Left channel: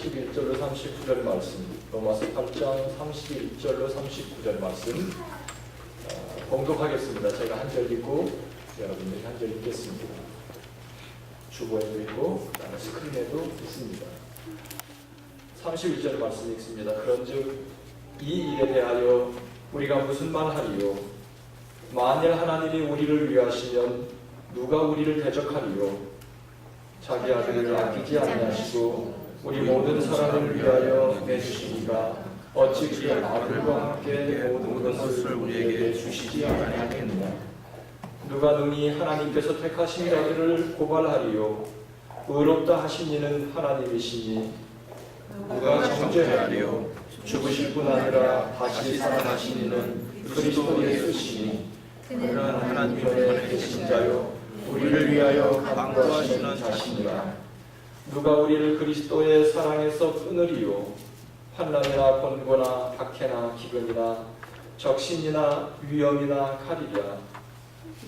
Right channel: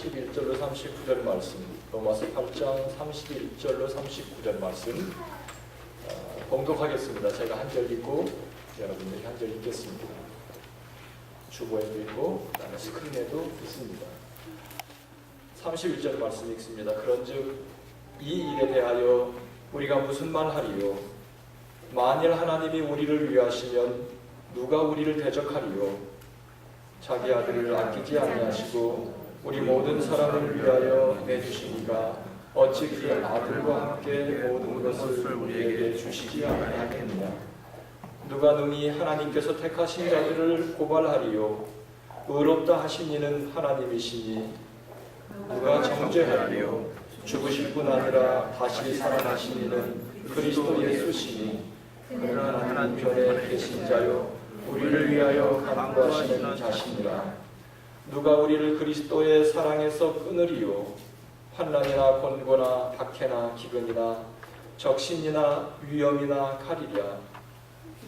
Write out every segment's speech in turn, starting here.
31절로 39절 말씀, 로마서 8장 31절로 39절 말씀 봉독하겠습니다. 제가 한 절 읽고 여러분들이 한 절 읽겠습니다. 주보에도 있고 그다음에 스크린에도 있습니다. 31절 말씀 읽습니다. 그런즉 이 일에 대하여 우리가 무슨 말하리요? 만일 하나님이 우리를 위하시면 누가 우리를 대적하리요? 자기 아들을 아끼지 아니하시고 우리 모든 사람을 위하여 내주시니가 어찌 그 아들과 함께 모든 것을 우리에게 주시지 아니하겠느냐? 누가 능히 하나님께서 택하신 자들을 고발하리요? 의롭다 하신 이는 하나님이시니 누가 정죄하리요? 죽으실 뿐 아니라 다시 살아나신 이는 그리스도 예수시니 그는 하나님 편에 계신 자요 우리를 위하여 간구하시는 자시니라. 누가 우리를 그리스도의 사랑에서 끊으리요? 환난이나 권고나 박해나 기근이나 적신이나 위험이나 칼이랴.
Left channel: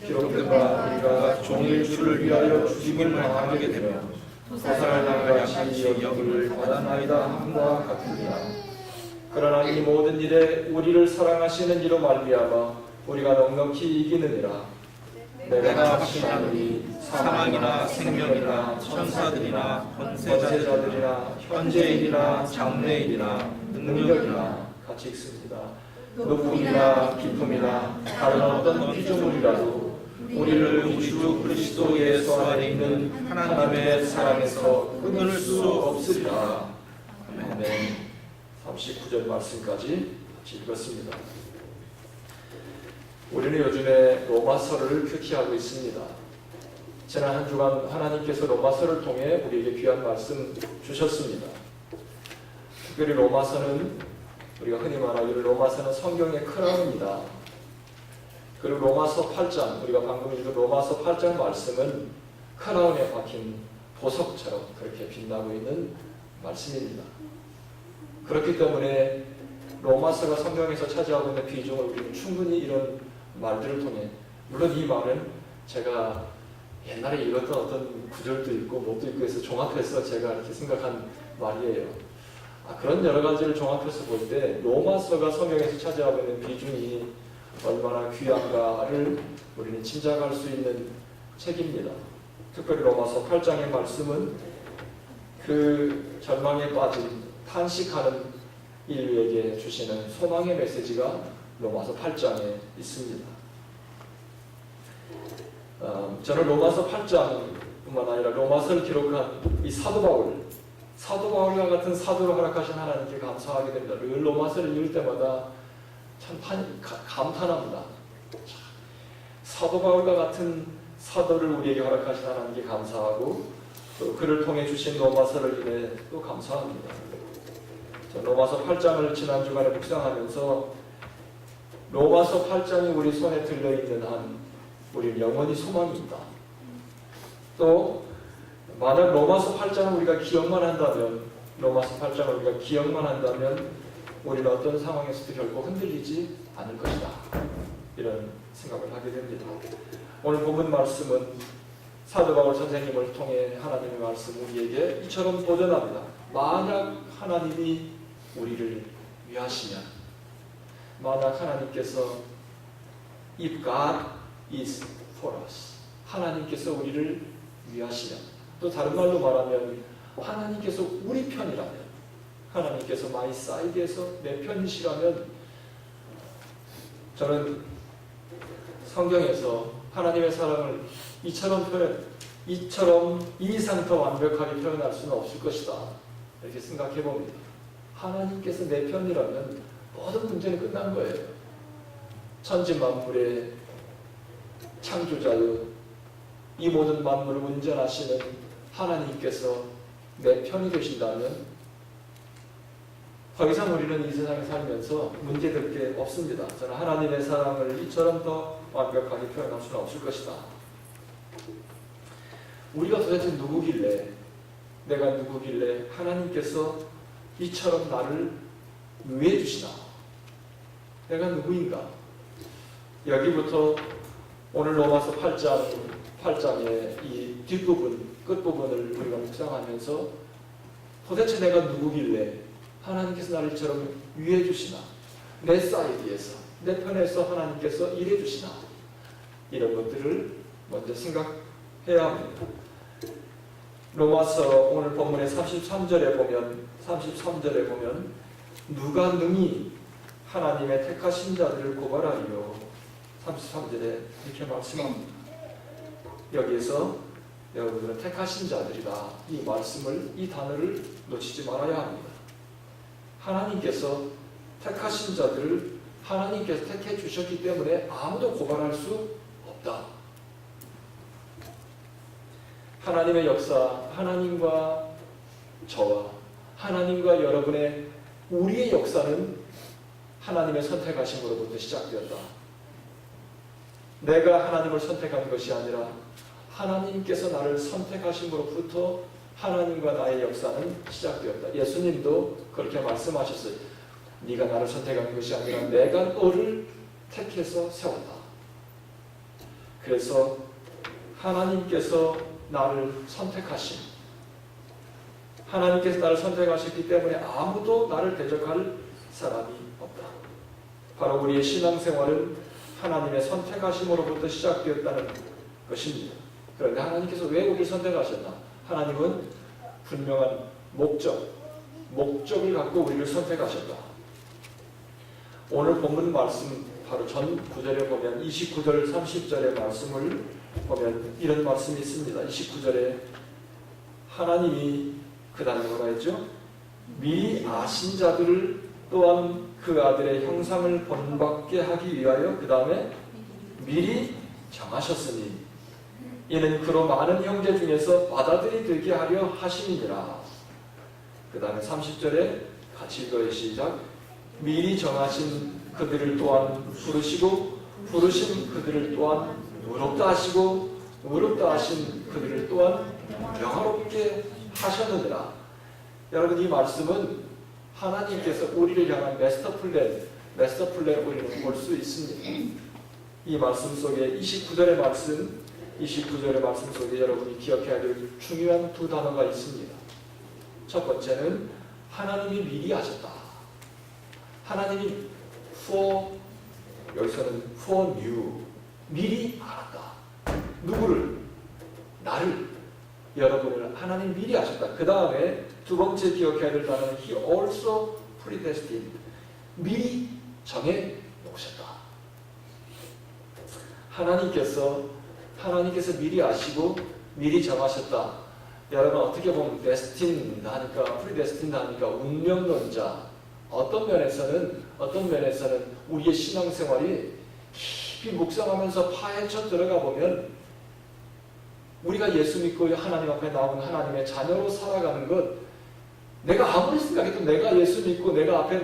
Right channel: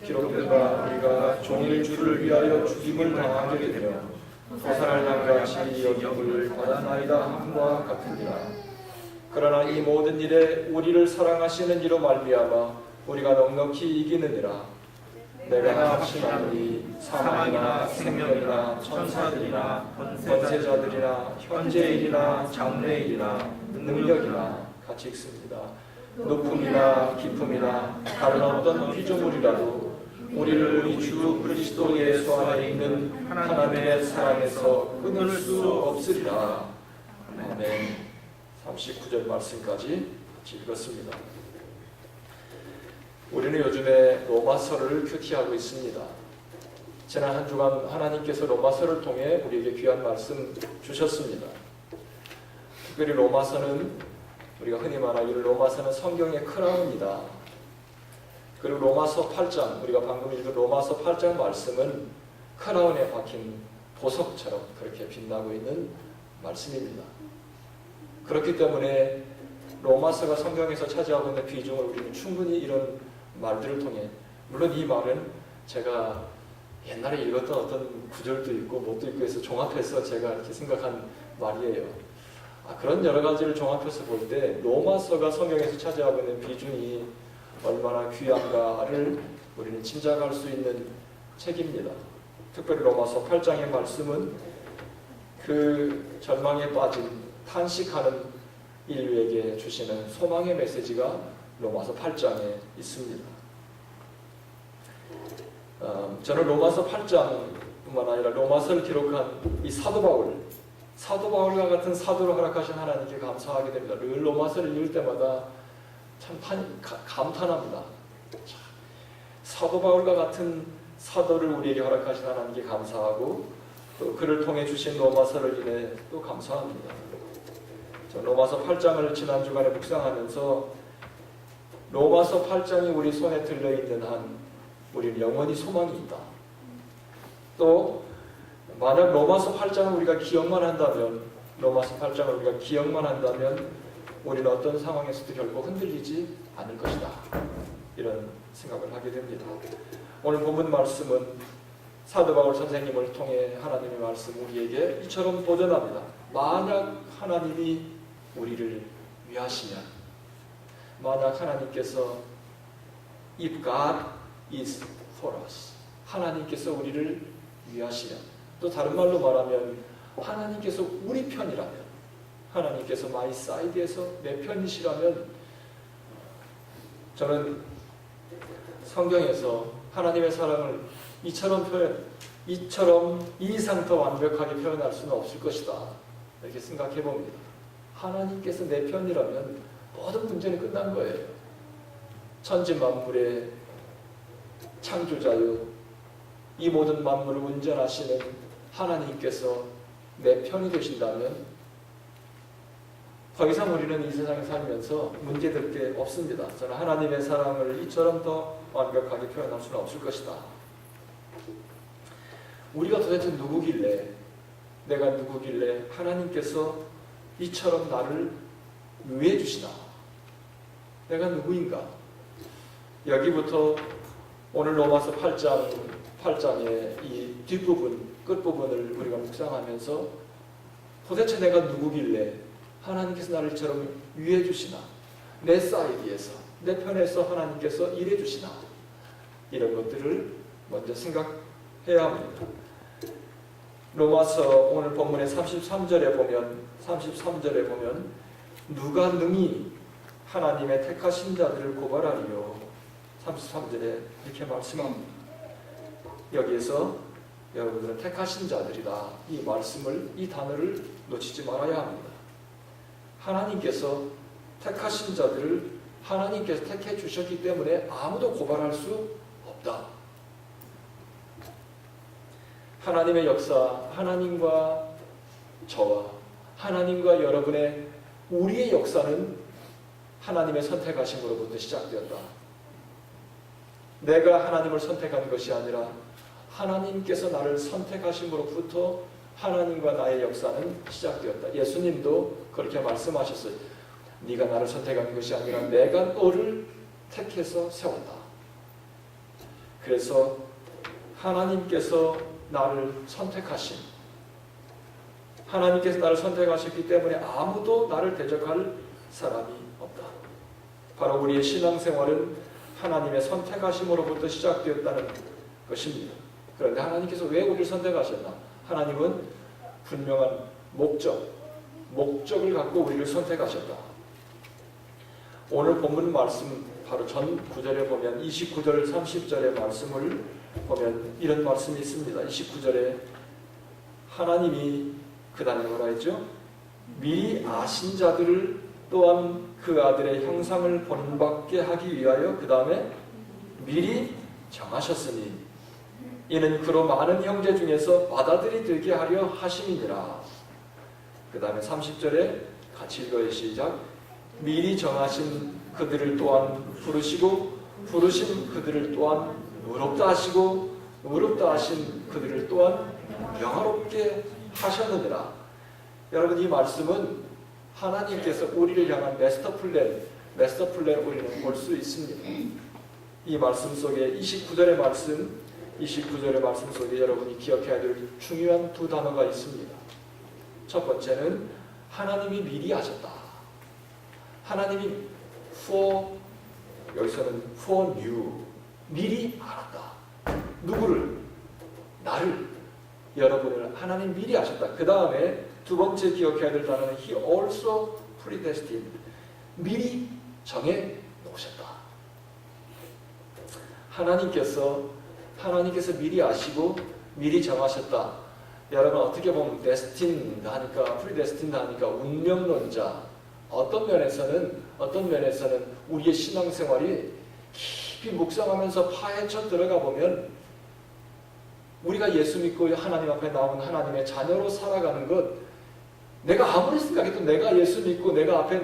기록된바 우리가 종일 주를 위하여 죽임을 당하게 되며 도살할 양같이 여김을 받았나이다 함과 같으니라. 그러나 이 모든 일에 우리를 사랑하시는 이로 말미암아 우리가 넉넉히 이기느니라. 내가 확신하노니 사망이나 생명이나 천사들이나 권세자들이나 현재일이나 장래일이나 능력이나 같이 읽습니다. 높음이나 깊음이나 다른 어떤 피조물이라도 우리를 우리 주 그리스도 예수 안에 있는 하나님의 사랑에서 끊을 수 없으리라. 아멘. 39절 말씀까지 읽었습니다. 우리는 요즘에 로마서를 큐티하고 있습니다. 지난 한 주간 하나님께서 로마서를 통해 우리에게 귀한 말씀 주셨습니다. 특별히 로마서는 우리가 흔히 말하기를 로마서는 성경의 크라운이다. 그리고 로마서 8장, 우리가 방금 읽은 로마서 8장 말씀은 크라운에 박힌 보석처럼 그렇게 빛나고 있는 말씀입니다. 그렇기 때문에 로마서가 성경에서 차지하고 있는 비중을 우리는 충분히 이런 말들을 통해, 물론 이 말은 제가 옛날에 읽었던 어떤 구절도 있고 뭣도 있고 해서 종합해서 제가 이렇게 생각한 말이에요. 그런 여러 가지를 종합해서 볼 때 로마서가 성경에서 차지하고 있는 비중이 얼마나 귀한가를 우리는 짐작할 수 있는 책입니다. 특별히 로마서 8장의 말씀은 그 절망에 빠진 탄식하는 인류에게 주시는 소망의 메시지가 로마서 8장에 있습니다. 저는 로마서 8장뿐만 아니라 로마서를 기록한 이 사도 바울과 같은 사도를 허락하신 하나님께 감사하게 됩니다. 늘 로마서를 읽을 때마다 참 감탄합니다. 사도 바울과 같은 사도를 우리에게 허락하신 하나님께 감사하고 또 그를 통해 주신 로마서를 인해 또 감사합니다. 로마서 8장을 지난 주간에 묵상하면서 로마서 8장이 우리 손에 들려있는 한 우리는 영원히 소망이 있다. 또 만약 로마서 8장을 우리가 기억만 한다면 우리는 어떤 상황에서도 결코 흔들리지 않을 것이다. 이런 생각을 하게 됩니다. 오늘 본문 말씀은 사도 바울 선생님을 통해 하나님의 말씀 우리에게 이처럼 도전합니다. 만약 하나님이 우리를 위하시면, 만약 하나님께서 if God is for us, 하나님께서 우리를 위하시면, 또 다른 말로 말하면 하나님께서 우리 편이라면, 하나님께서 my side에서 내 편이시라면, 저는 성경에서 하나님의 사랑을 이처럼 이 이상 더 완벽하게 표현할 수는 없을 것이다. 이렇게 생각해 봅니다. 하나님께서 내 편이라면 모든 문제는 끝난 거예요. 천지 만물의 창조자요, 이 모든 만물을 운전하시는 하나님께서 내 편이 되신다면 더 이상 우리는 이 세상에 살면서 문제될 게 없습니다. 저는 하나님의 사랑을 이처럼 더 완벽하게 표현할 수는 없을 것이다. 우리가 도대체 누구길래, 내가 누구길래 하나님께서 이처럼 나를 위해 주시나? 내가 누구인가? 여기부터 오늘 로마서 8장의 이 뒷부분, 끝부분을 우리가 묵상하면서 도대체 내가 누구길래 하나님께서 나를 이처럼 위해 주시나? 내 사이드에서, 내 편에서 하나님께서 일해 주시나? 이런 것들을 먼저 생각해야 합니다. 로마서 오늘 본문의 33절에 보면 누가 능히 하나님의 택하신 자들을 고발하리요? 33절에 이렇게 말씀합니다. 여기에서 여러분들은 택하신 자들이다. 이 말씀을, 이 단어를 놓치지 말아야 합니다. 하나님께서 택하신 자들을 하나님께서 택해 주셨기 때문에 아무도 고발할 수 없다. 하나님의 역사, 하나님과 저와 하나님과 여러분의 우리의 역사는 하나님의 선택하심으로부터 시작되었다. 내가 하나님을 선택한 것이 아니라 하나님께서 나를 선택하심으로부터 하나님과 나의 역사는 시작되었다. 예수님도 그렇게 말씀하셨어요. 네가 나를 선택한 것이 아니라 내가 너를 택해서 세웠다. 그래서 하나님께서 나를 선택하신, 하나님께서 나를 선택하셨기 때문에 아무도 나를 대적할 사람이 없다. 바로 우리의 신앙생활은 하나님의 선택하심으로부터 시작되었다는 것입니다. 그런데 하나님께서 왜 우리를 선택하셨나? 하나님은 분명한 목적을 갖고 우리를 선택하셨다. 오늘 본문 말씀 바로 전 구절에 보면 29절 30절의 말씀을 보면 이런 말씀이 있습니다. 29절에 하나님이 그 다음에 뭐라 했죠? 미리 아신 자들을 또한 그 아들의 형상을 본받게 하기 위하여 그 다음에 미리 정하셨으니 이는 그로 많은 형제 중에서 맏아들이 되게 하려 하심이니라. 그 다음에 30절에 같이 읽어요. 시작. 미리 정하신 그들을 또한 부르시고 부르신 그들을 또한 의롭다 하시고 의롭다 하신 그들을 또한 영화롭게 하셨느니라. 여러분, 이 말씀은 하나님께서 우리를 향한 마스터 플랜을 우리는 볼 수 있습니다. 이 말씀 속에 29절의 말씀 속에 여러분이 기억해야 될 중요한 두 단어가 있습니다. 첫 번째는 하나님이 미리 하셨다. 하나님이 여기서는 for you, 미리 알았다. 누구를? 나를, 여러분을 하나님 미리 아셨다. 그 다음에 두 번째 기억해야 될 단어는 He also predestined, 미리 정해 놓으셨다. 하나님께서 미리 아시고 미리 정하셨다. 여러분, 어떻게 보면 destined 하니까, predestined 하니까 운명론자, 어떤 면에서는 우리의 신앙생활이 깊이 묵상하면서 파헤쳐 들어가 보면 우리가 예수 믿고 하나님 앞에 나온 하나님의 자녀로 살아가는 것, 내가 아무리 생각해도 내가 예수 믿고 내가 앞에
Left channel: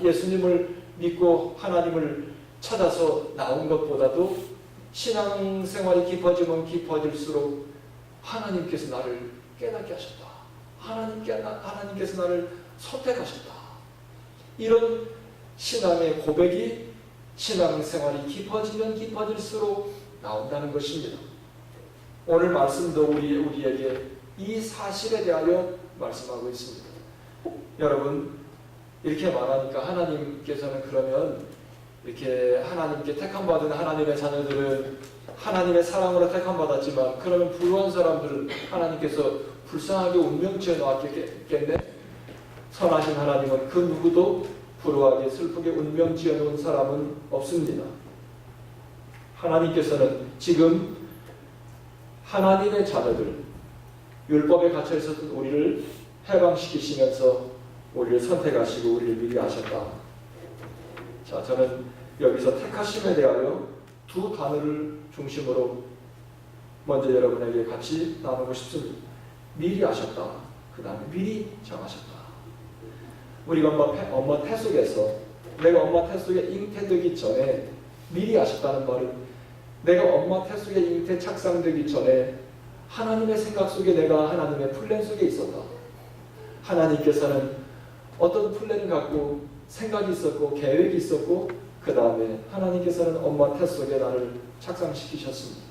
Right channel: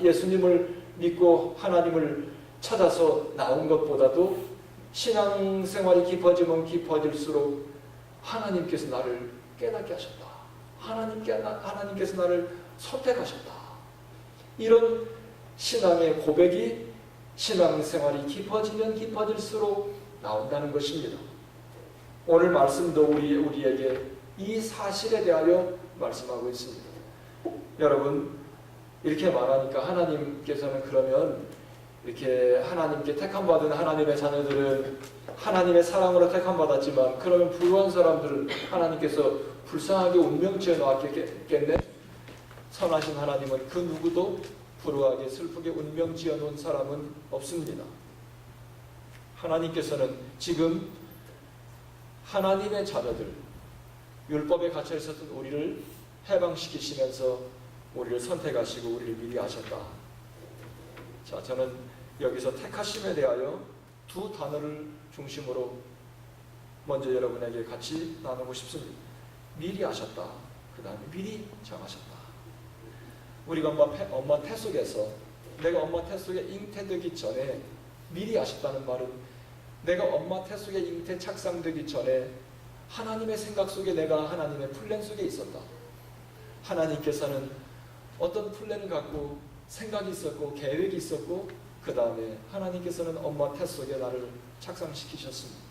예수님을 믿고 하나님을 찾아서 나온 것보다도 신앙생활이 깊어지면 깊어질수록 하나님께서 나를 깨닫게 하셨다. 하나님께서 나를 선택하셨다. 이런 신앙의 고백이 신앙생활이 깊어지면 깊어질수록 나온다는 것입니다. 오늘 말씀도 우리에게 이 사실에 대하여 말씀하고 있습니다. 여러분, 이렇게 말하니까 하나님께서는 그러면 이렇게 하나님께 택함받은 하나님의 자녀들은 하나님의 사랑으로 택함받았지만 그러면 불우한 사람들은 하나님께서 불쌍하게 운명 지어 놓았겠네? 선하신 하나님은 그 누구도 불우하게 슬프게 운명 지어 놓은 사람은 없습니다. 하나님께서는 지금 하나님의 자녀들, 율법에 갇혀 있었던 우리를 해방시키시면서 우리를 선택하시고 우리를 미리 아셨다. 자, 저는 여기서 택하심에 대하여 두 단어를 중심으로 먼저 여러분에게 같이 나누고 싶습니다. 미리 아셨다. 그 다음에 미리 정하셨다. 우리가 엄마 태 속에서, 내가 엄마 태 속에 잉태되기 전에 미리 아셨다는 말은 내가 엄마 태 속에 잉태 착상되기 전에 하나님의 생각 속에 내가 하나님의 플랜 속에 있었다. 하나님께서는 어떤 플랜을 갖고 생각이 있었고 계획이 있었고 그 다음에 하나님께서는 엄마 태 속에 나를 착상시키셨습니다.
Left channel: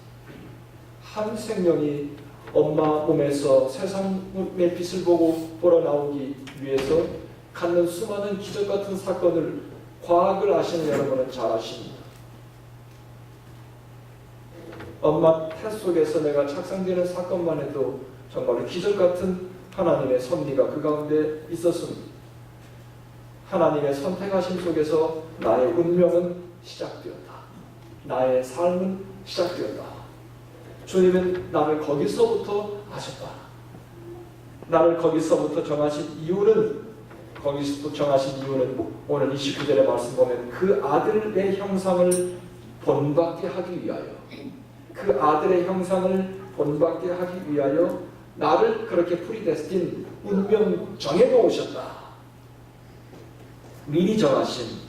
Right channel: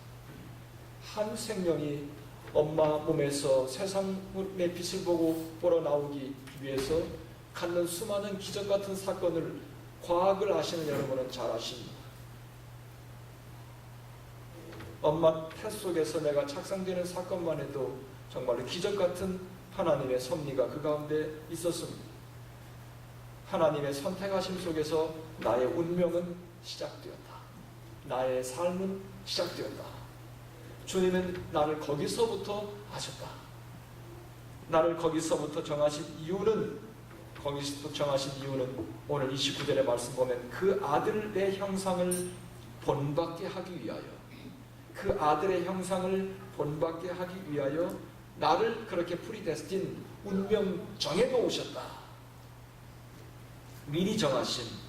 한 생명이 엄마 몸에서 세상의 빛을 보러 나오기 위해서 갖는 수많은 기적 같은 사건을, 과학을 아시는 여러분은 잘 아십니다. 엄마 태 속에서 내가 착상되는 사건만 해도 정말로 기적 같은 하나님의 섭리가 그 가운데 있었습니다. 하나님의 선택하심 속에서 나의 운명은 시작되었다. 나의 삶은 시작되었다. 주님은 나를 거기서부터 아셨다. 나를 거기서부터 정하신 이유는 오늘 29절의 말씀 보면 그 아들의 형상을 본받게 하기 위하여, 그 아들의 형상을 본받게 하기 위하여 나를 그렇게 프리데스틴, 운명 정해놓으셨다. 미리 정하신.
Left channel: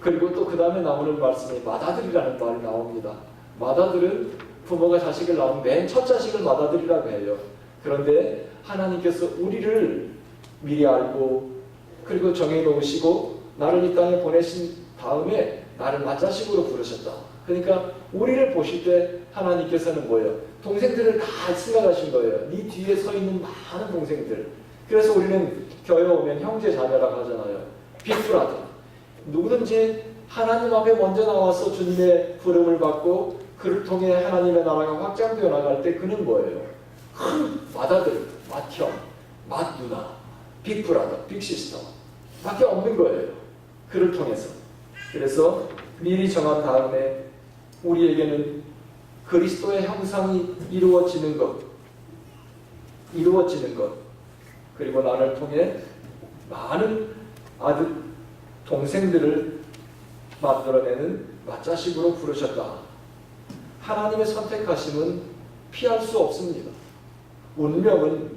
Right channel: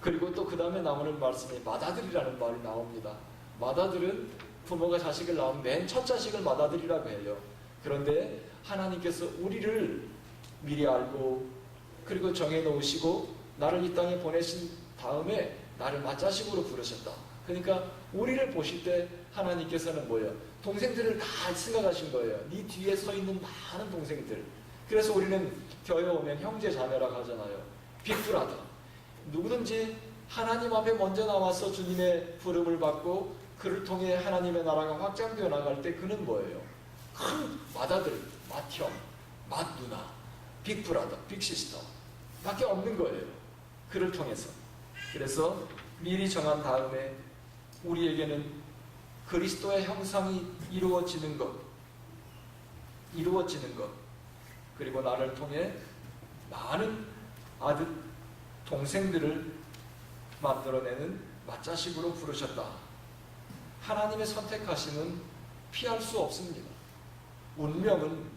그리고 또 그 다음에 나오는 말씀이 맏아들이라는 말이 나옵니다. 맏아들은 부모가 자식을 낳은 맨 첫 자식을 맏아들이라고 해요. 그런데 하나님께서 우리를 미리 알고 그리고 정해놓으시고 나를 이 땅에 보내신 다음에 나를 맏자식으로 부르셨다. 그러니까 우리를 보실 때 하나님께서는 뭐예요? 동생들을 다 생각하신 거예요. 네 뒤에 서 있는 많은 동생들. 그래서 우리는 교회 오면 형제 자매라고 하잖아요. 빅브라더. 누구든지 하나님 앞에 먼저 나와서 주님의 부름을 받고 그를 통해 하나님의 나라가 확장되어 나갈 때 그는 뭐예요? 큰 맏아들, 맏형, 맏누나, 빅브라더, 빅시스터 밖에 없는 거예요. 그를 통해서. 그래서 미리 정한 다음에 우리에게는 그리스도의 형상이 이루어지는 것, 그리고 나를 통해 많은 아들, 동생들을 만들어내는 맏자식으로 부르셨다. 하나님의 선택하심은 피할 수 없습니다. 운명은,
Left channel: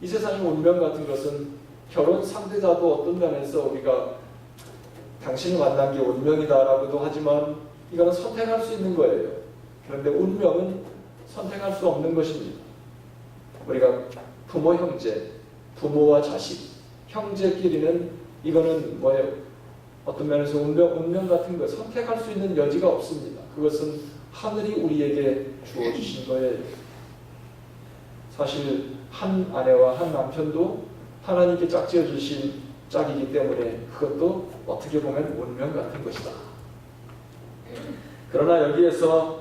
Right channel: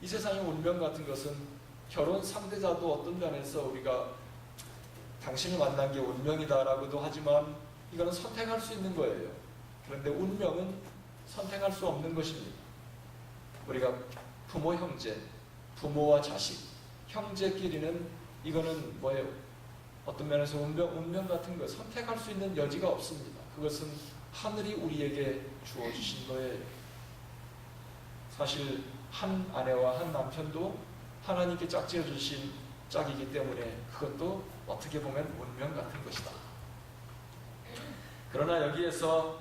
이 세상의 운명 같은 것은 결혼 상대자도 어떤 면에서 우리가 당신을 만난 게 운명이다라고도 하지만 이거는 선택할 수 있는 거예요. 그런데 운명은 선택할 수 없는 것입니다. 우리가 부모, 형제, 부모와 자식, 형제끼리는 이거는 뭐예요? 어떤 면에서 운명 같은 거 선택할 수 있는 여지가 없습니다. 그것은 하늘이 우리에게 주어주신 거예요. 사실 한 아내와 한 남편도 하나님께 짝지어 주신 짝이기 때문에 그것도 어떻게 보면 운명 같은 것이다. 그러나 여기에서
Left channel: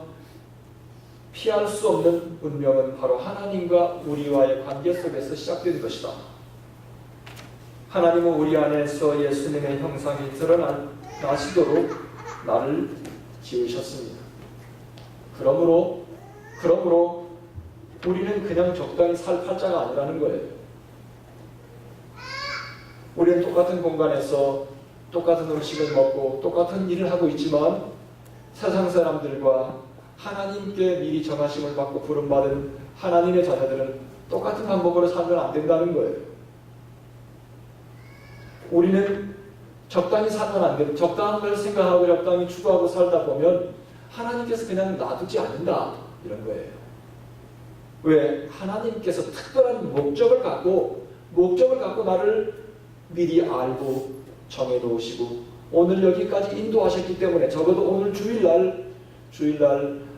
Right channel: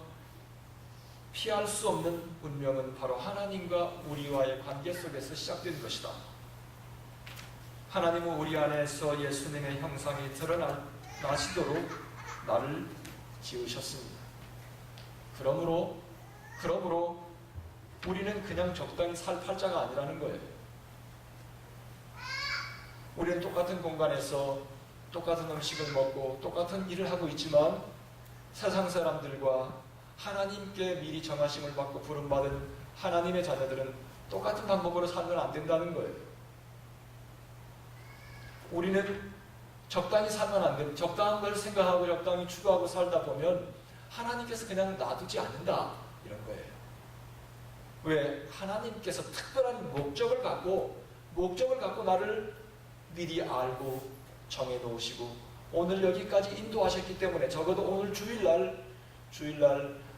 피할 수 없는 운명은 바로 하나님과 우리와의 관계 속에서 시작된 것이다. 하나님은 우리 안에서 예수님의 형상이 드러나시도록 나를 지으셨습니다. 그러므로 우리는 그냥 적당히 살 팔자가 아니라는 거예요. 우리는 똑같은 공간에서 똑같은 음식을 먹고 똑같은 일을 하고 있지만 세상 사람들과 하나님께 미리 정하심을 받고 부름받은 하나님의 자녀들은 똑같은 방법으로 살면 안 된다는 거예요. 우리는 적당히 살면 안 돼요. 적당한 걸 생각하고 적당히 추구하고 살다 보면 하나님께서 그냥 놔두지 않는다. 이런 거예요. 왜? 하나님께서 특별한 목적을 갖고 나를 미리 알고 정해놓으시고 오늘 여기까지 인도하셨기 때문에 적어도 오늘 주일날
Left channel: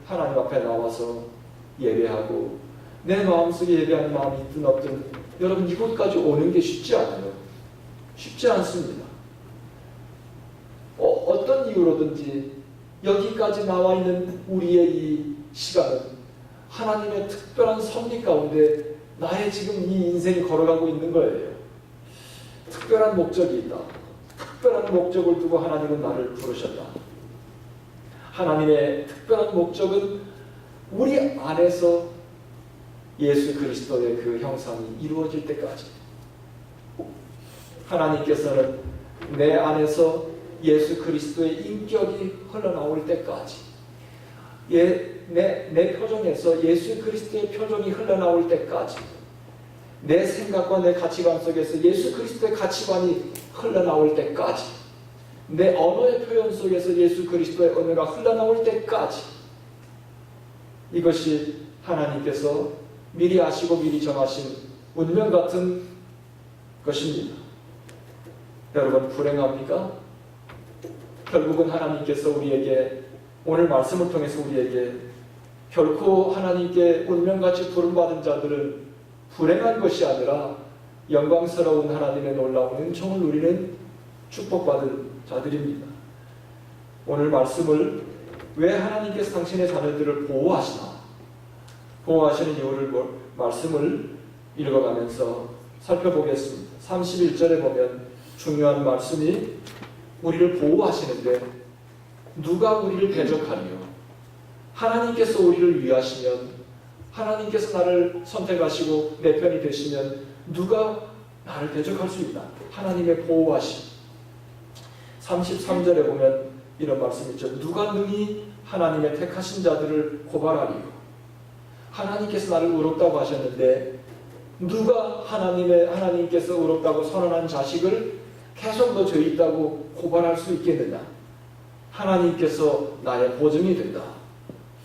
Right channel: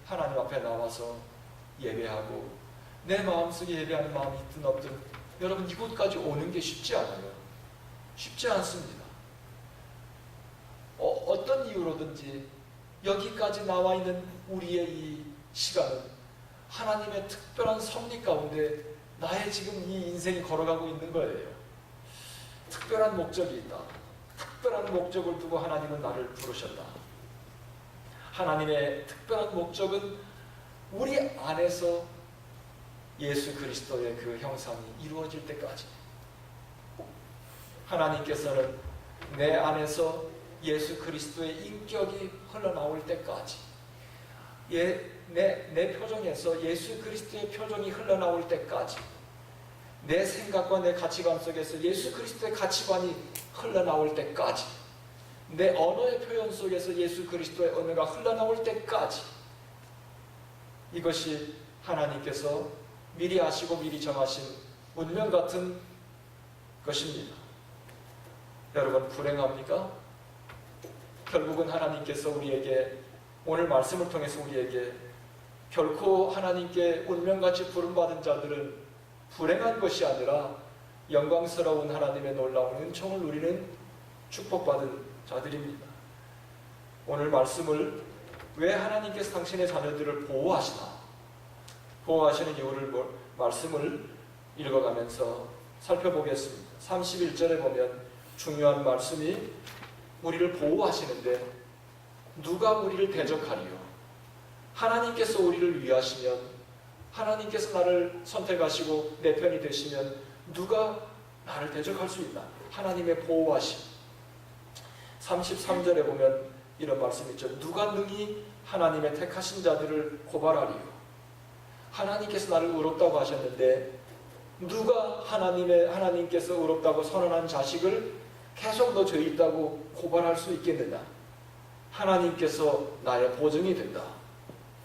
하나님 앞에 나와서 예배하고 내 마음속에 예배하는 마음이 있든 없든 여러분 이곳까지 오는 게 쉽지 않아요. 쉽지 않습니다. 어떤 이유로든지 여기까지 나와 있는 우리의 이 시간은 하나님의 특별한 섭리 가운데 나의 지금 이 인생이 걸어가고 있는 거예요. 특별한 목적이 있다. 특별한 목적을 두고 하나님은 나를 부르셨다. 하나님의 특별한 목적은 우리 안에서 예수 그리스도의 그 형상이 이루어질 때까지 하나님께서는 내 안에서 예수 그리스도의 인격이 흘러나올 때까지 내 표정에서 예수 그리스도의 표정이 흘러나올 때까지 내 생각과 내 가치관 속에서 예수 그리스도의 가치관이 흘러나올 때까지 내 언어의 표현 속에서 예수 그리스도의 언어가 흘러나올 때까지 이것이 하나님께서 미리 아시고 미리 정하신 운명 같은 것입니다. 여러분 불행합니까? 결국은 하나님께서 우리에게 오늘 말씀을 통해서 우리에게 결코 하나님께 운명같이 부름받은 자들은 불행한 것이 아니라 영광스러운 하나님의 놀라운 은총을 누리는 축복받은 자들입니다. 오늘 말씀을 왜 하나님께서 당신의 자녀들을 보호하시나, 보호하시는 이유를 말씀을 읽어가면서 살펴보겠습니다. 31절에 보면 중요한 말씀이 우리를 보호하시는데 누가 우리를 대적하리요? 하나님께서 우리를 위하시면, 하나님께서 나를 선택하시고 내 편이 되시면 누가 나를 대적할 수 있나? 하나님의 보호하심. 33절에 보면 이런 말씀이 있죠. 누가 능히 하나님의 택하신 자들을 고발하리요? 하나님께서 나를 의롭다고 하셨는데 누가 하나님께서 의롭다고 선언한 자식을 계속 너 죄 있다고 고발할 수 있겠느냐? 하나님께서 나의 보증이 된다.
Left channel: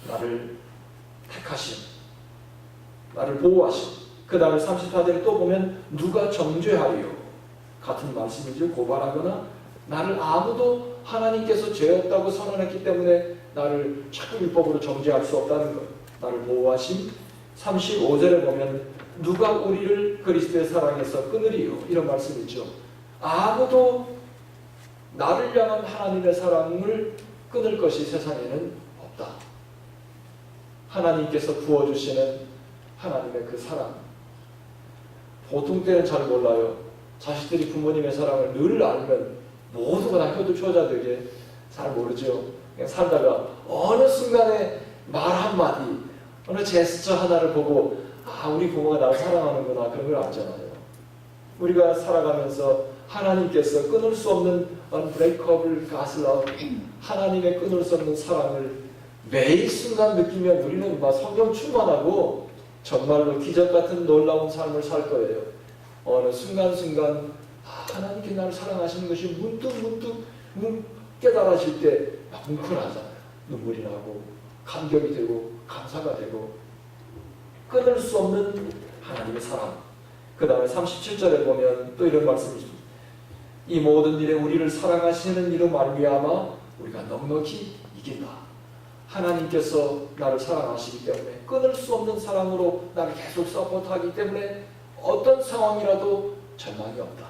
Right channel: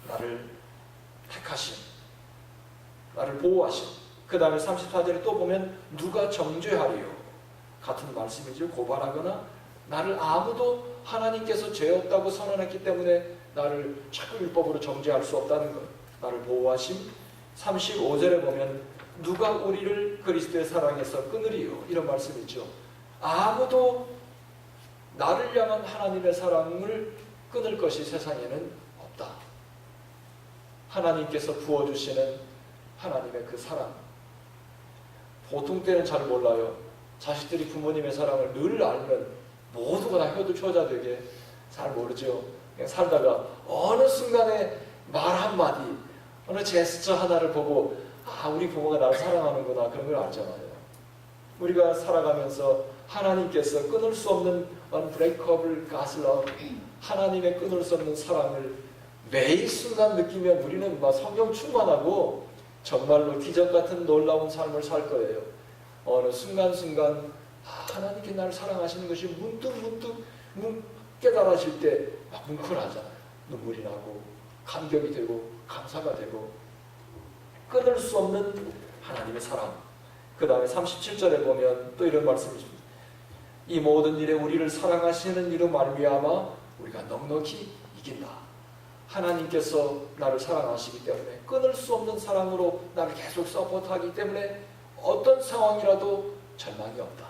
나를 택하심, 나를 보호하심. 그 다음에 34절에 또 보면 누가 정죄하리요? 같은 말씀이죠. 고발하거나 나를 아무도 하나님께서 죄 없다고 선언했기 때문에 나를 자꾸 율법으로 정죄할 수 없다는 것. 나를 보호하심. 35절에 보면 누가 우리를 그리스도의 사랑에서 끊으리요? 이런 말씀이죠. 아무도 나를 향한 하나님의 사랑을 끊을 것이 세상에는 없다. 하나님께서 부어주시는 하나님의 그 사랑. 보통 때는 잘 몰라요. 자식들이 부모님의 사랑을 늘 알면 모두가 다 효도초자되게 잘 모르죠. 그냥 살다가 어느 순간에 말 한마디, 어느 제스처 하나를 보고 우리 부모가 나를 사랑하는구나, 그런 걸 알잖아요. 우리가 살아가면서 하나님께서 끊을 수 없는 unbreakable God's love, 하나님의 끊을 수 없는 사랑을 매일 순간 느끼면 우리는 막 성령 충만하고 정말로 기적 같은 놀라운 삶을 살 거예요. 어느 순간순간 하나님께 나를 사랑하시는 것이 문득 깨달아질 때 막 뭉클하잖아요. 눈물이 나고 감격이 되고 감사가 되고 끊을 수 없는 하나님의 사랑. 그 다음에 37절에 보면 또 이런 말씀이 있습니다. 이 모든 일에 우리를 사랑하시는 이로 말미암아 우리가 넉넉히 이긴다. 하나님께서 나를 사랑하시기 때문에 끊을 수 없는 사랑으로 나를 계속 서포트하기 때문에 어떤 상황이라도 절망이 없다.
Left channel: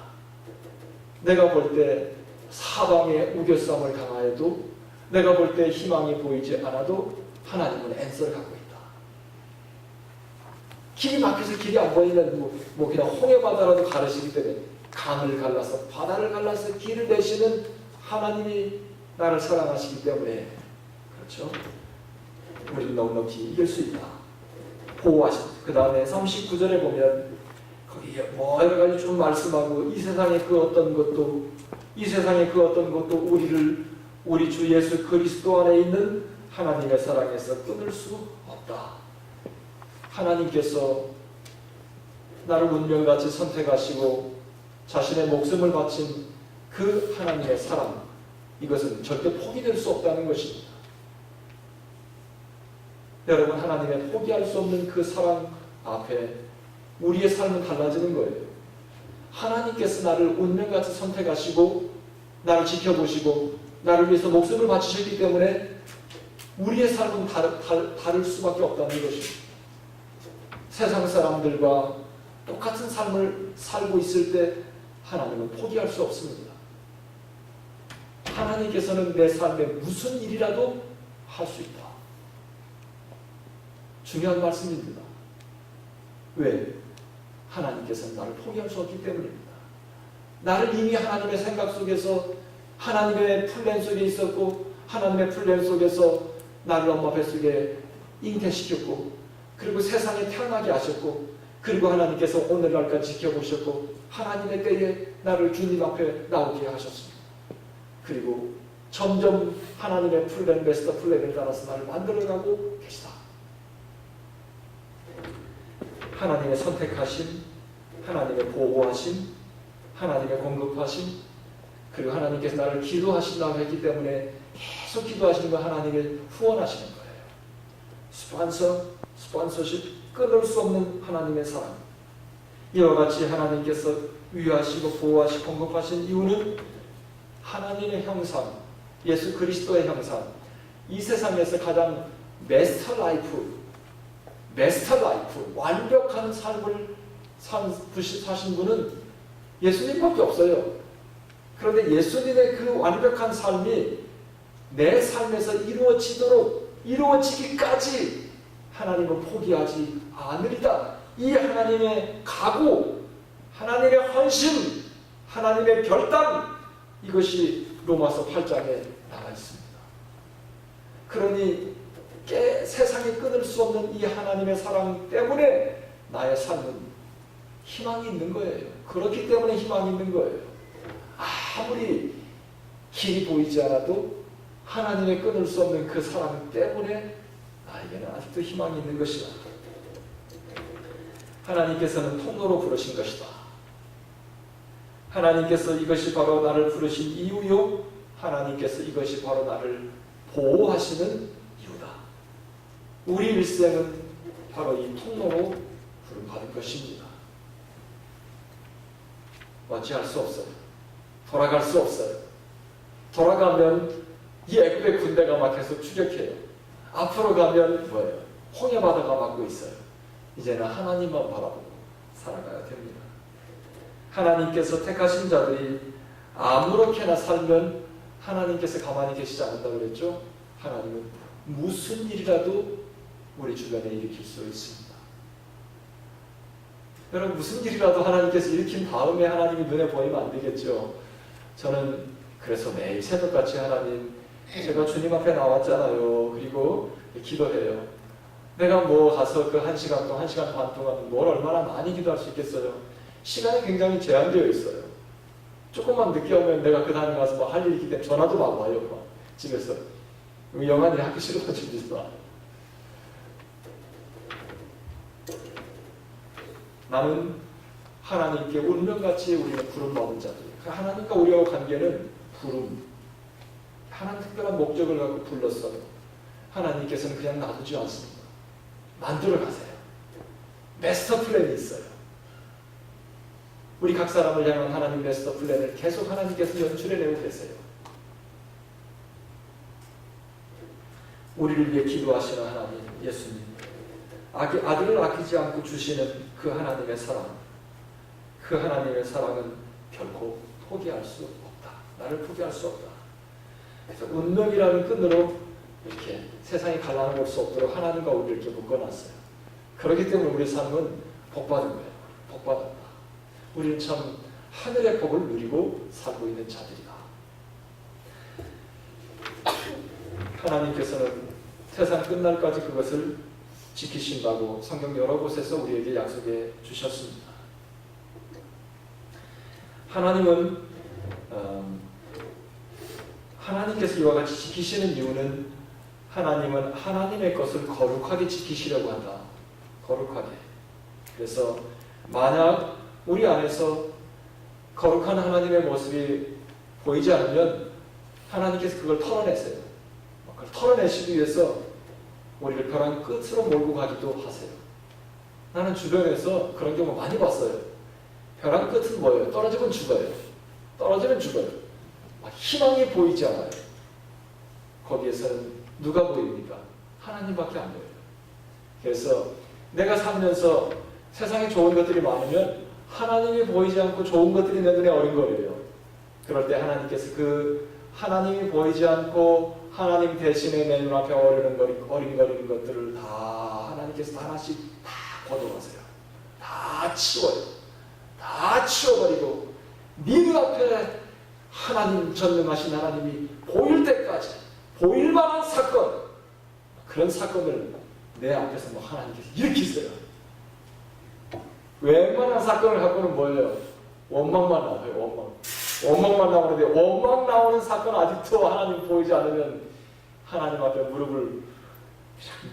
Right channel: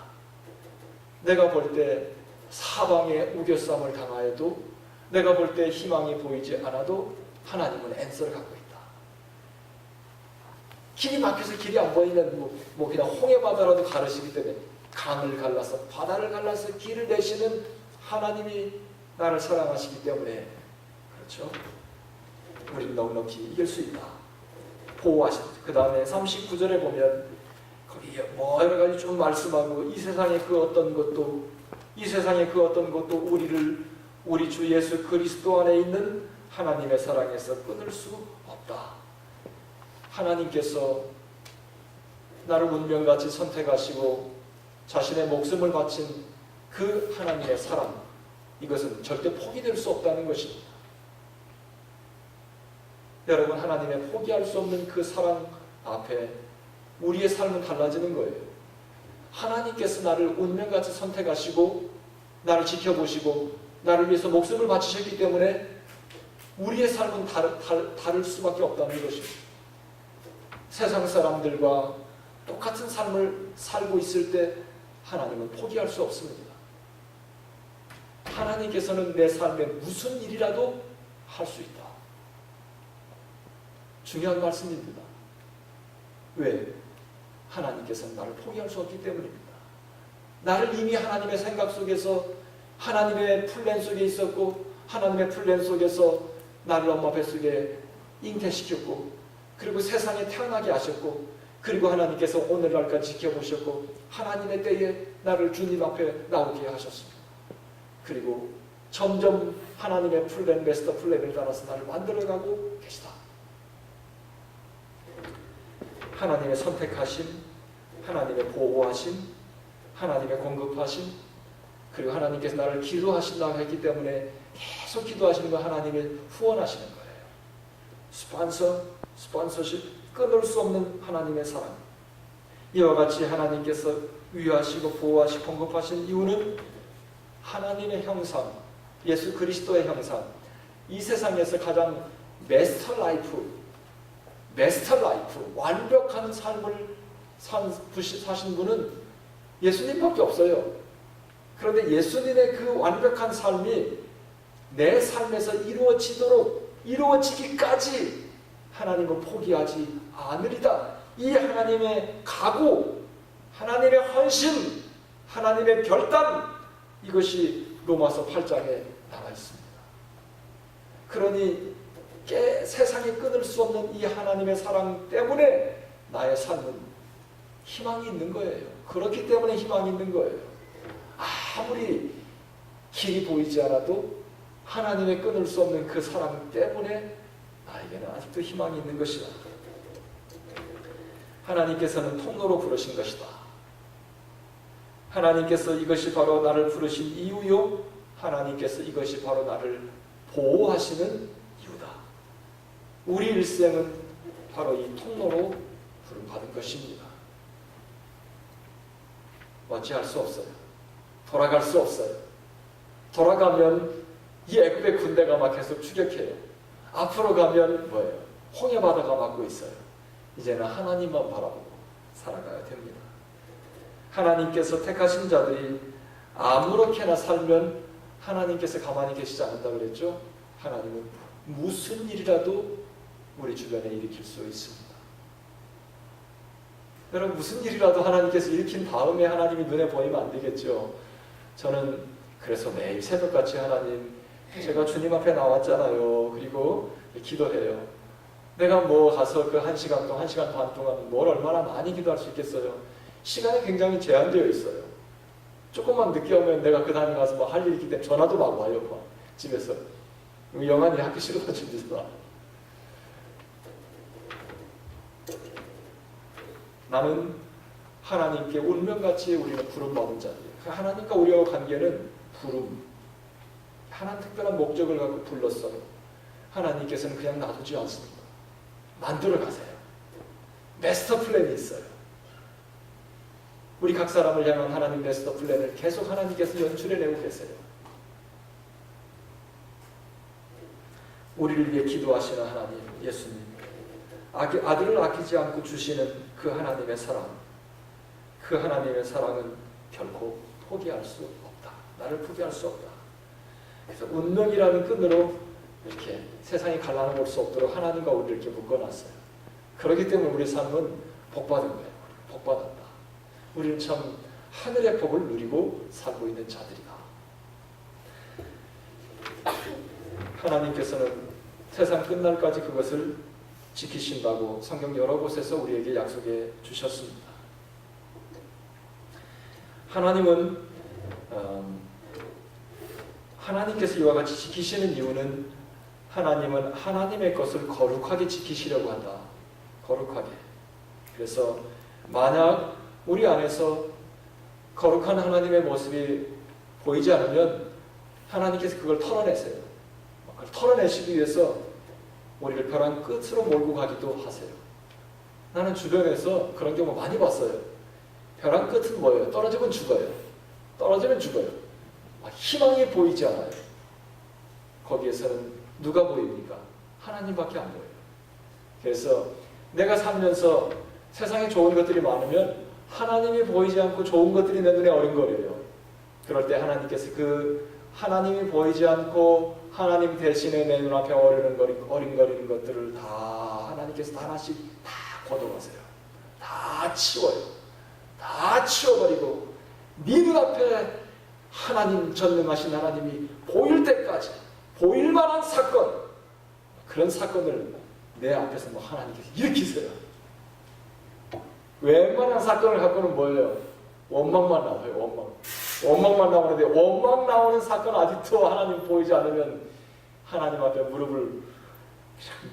내가 볼 때 사방에 우겨쌈을 당하여도, 내가 볼 때 희망이 보이지 않아도 하나님은 앤서를 갖고 있다. 길이 막혀서 길이 안 보이면 뭐 그냥 홍해바다라도 가르시기 때문에 강을 갈라서 바다를 갈라서 길을 내시는 하나님이 나를 사랑하시기 때문에, 그렇죠? 우리는 넉넉히 이길 수 있다. 보호하십니다. 그 다음에 39절에 보면 거기 뭐 여러 가지 좀 말씀하고 이 세상의 그 어떤 것도 우리 주 예수 그리스도 안에 있는 하나님의 사랑에서 끊을 수 없다. 하나님께서 나를 운명같이 선택하시고 자신의 목숨을 바친 그 하나님의 사랑, 이것은 절대 포기될 수 없다는 것입니다. 여러분, 하나님의 포기할 수 없는 그 사랑 앞에 우리의 삶은 달라지는 거예요. 하나님께서 나를 운명같이 선택하시고 나를 지켜보시고 나를 위해서 목숨을 바치셨기 때문에 우리의 삶은 다를 수밖에 없다는 것입니다. 세상 사람들과 똑같은 삶을 살고 있을 때 하나님은 포기할 수 없습니다. 하나님께서는 내 삶에 무슨 일이라도 할 수 있다. 중요한 말씀입니다. 왜? 하나님께서는 나를 포기할 수 없기 때문입니다. 나를 이미 하나님의 생각 속에서, 하나님의 플랜 속에 있었고, 하나님의 플랜 속에서 나를 엄마 뱃속에 잉태시켰고, 그리고 세상에 태어나게 하셨고, 그리고 하나님께서 오늘날까지 지켜보셨고, 하나님의 때에 나를 주님 앞에 나오게 하셨습니다. 그리고 점점 하나님의 플랜, 마스터 플랜을 따라서 나를 만들어가고 계시다. 하나님의 선택하심, 하나님의 보호하심, 하나님의 공급하심, 그리고 하나님께서 나를 기도하신다고 했기 때문에 계속 기도하시는 거 하나님의 후원하시는 거예요. 스폰서십, 끊을 수 없는 하나님의 사랑. 이와 같이 하나님께서 위하시고 보호하시고 공급하신 이유는 하나님의 형상, 예수 그리스도의 형상, 이 세상에서 가장 마스터 라이프, 완벽한 삶을 사신 분은 예수님밖에 없어요. 그런데 예수님의 그 완벽한 삶이 내 삶에서 이루어지기까지 하나님은 포기하지 않으리다. 이 하나님의 각오, 하나님의 헌신, 하나님의 결단, 이것이 로마서 8장에 나와 있습니다. 그러니 세상이 끊을 수 없는 이 하나님의 사랑 때문에 나의 삶은 희망이 있는 거예요. 그렇기 때문에 희망이 있는 거예요. 아무리 길이 보이지 않아도 하나님의 끊을 수 없는 그 사랑 때문에 나에게는 아직도 희망이 있는 것이다. 하나님께서는 통로로 부르신 것이다. 하나님께서 이것이 바로 나를 부르신 이유요, 하나님께서 이것이 바로 나를 보호하시는 이유다. 우리 일생은 바로 이 통로로 부름받은 것입니다. 어찌할 수 없어요. 돌아갈 수 없어요. 돌아가면 이 애굽의 군대가 막 계속 추격해요. 앞으로 가면 뭐예요? 홍해바다가 막고 있어요. 이제는 하나님만 바라보고 살아가야 됩니다. 하나님께서 택하신 자들이 아무렇게나 살면 하나님께서 가만히 계시지 않는다 그랬죠? 하나님은 무슨 일이라도 우리 주변에 일으킬 수 있습니다. 여러분, 무슨 일이라도 하나님께서 일으킨 다음에 하나님이 눈에 보이면 안 되겠죠? 저는 그래서 매일 새벽같이 하나님, 제가 주님 앞에 나왔잖아요. 그리고 기도해요. 내가 뭐 가서 그 1시간 동안, 1시간 반 동안 뭘 얼마나 많이 기도할 수 있겠어요? 시간이 굉장히 제한되어 있어요. 조금만 늦게 오면 내가 그 다음에 가서 뭐 할 일이 있기 때문에 전화도 막 와요. 막 집에서. 영환이 하기 싫어서 줍니다. 나는 하나님께 운명같이 우리는 부름받은 자들이에요. 하나님과 우리와 관계는 부름. 하나님 특별한 목적을 갖고 불렀어요. 하나님께서는 그냥 놔두지 않습니다. 만들어 가세요. 마스터 플랜이 있어요. 우리 각 사람을 향한 하나님 마스터 플랜을 계속 하나님께서 연출해내고 계세요. 우리를 위해 기도하시는 하나님, 예수님, 아들을 아끼지 않고 주시는 그 하나님의 사랑, 그 하나님의 사랑은 결코 포기할 수 없다. 나를 포기할 수 없다. 그래서 운명이라는 끈으로 이렇게 세상이 갈라놓을 수 없도록 하나님과 우리를 이렇게 묶어놨어요. 그렇기 때문에 우리 삶은 복받은 거예요. 복받았다. 우리는 참 하늘의 복을 누리고 살고 있는 자들이다. 하나님께서는 세상 끝날까지 그것을 지키신다고 성경 여러 곳에서 우리에게 약속해 주셨습니다. 하나님은 하나님께서 이와 같이 지키시는 이유는 하나님은 하나님의 것을 거룩하게 지키시려고 한다. 거룩하게. 그래서 만약 우리 안에서 거룩한 하나님의 모습이 보이지 않으면 하나님께서 그걸 털어내세요. 그걸 털어내시기 위해서 우리를 벼랑 끝으로 몰고 가기도 하세요. 나는 주변에서 그런 경우 많이 봤어요. 벼랑 끝은 뭐예요? 떨어지면 죽어요. 떨어지면 죽어요. 희망이 보이지 않아요. 거기에서는 누가 보입니까? 하나님밖에 안 보여요. 그래서 내가 살면서 세상에 좋은 것들이 많으면 하나님이 보이지 않고 좋은 것들이 내 눈에 어린거려요. 그럴 때 하나님께서 그 하나님이 보이지 않고 하나님 대신에 내 눈앞에 어린거리는 것들을 다 하나님께서 하나씩 다 걷어가세요. 다 치워요. 다 치워버리고 네 눈앞에 하나님, 전능하신 하나님이 보일 때까지, 보일 만한 사건, 그런 사건을 내 앞에서 뭐 하나님께서 일으키세요. 웬만한 사건을 갖고는 뭐예요? 원망만 나와요. 원망만 나오는데, 원망 나오는 사건 아직도 하나님 보이지 않으면 하나님 앞에 무릎을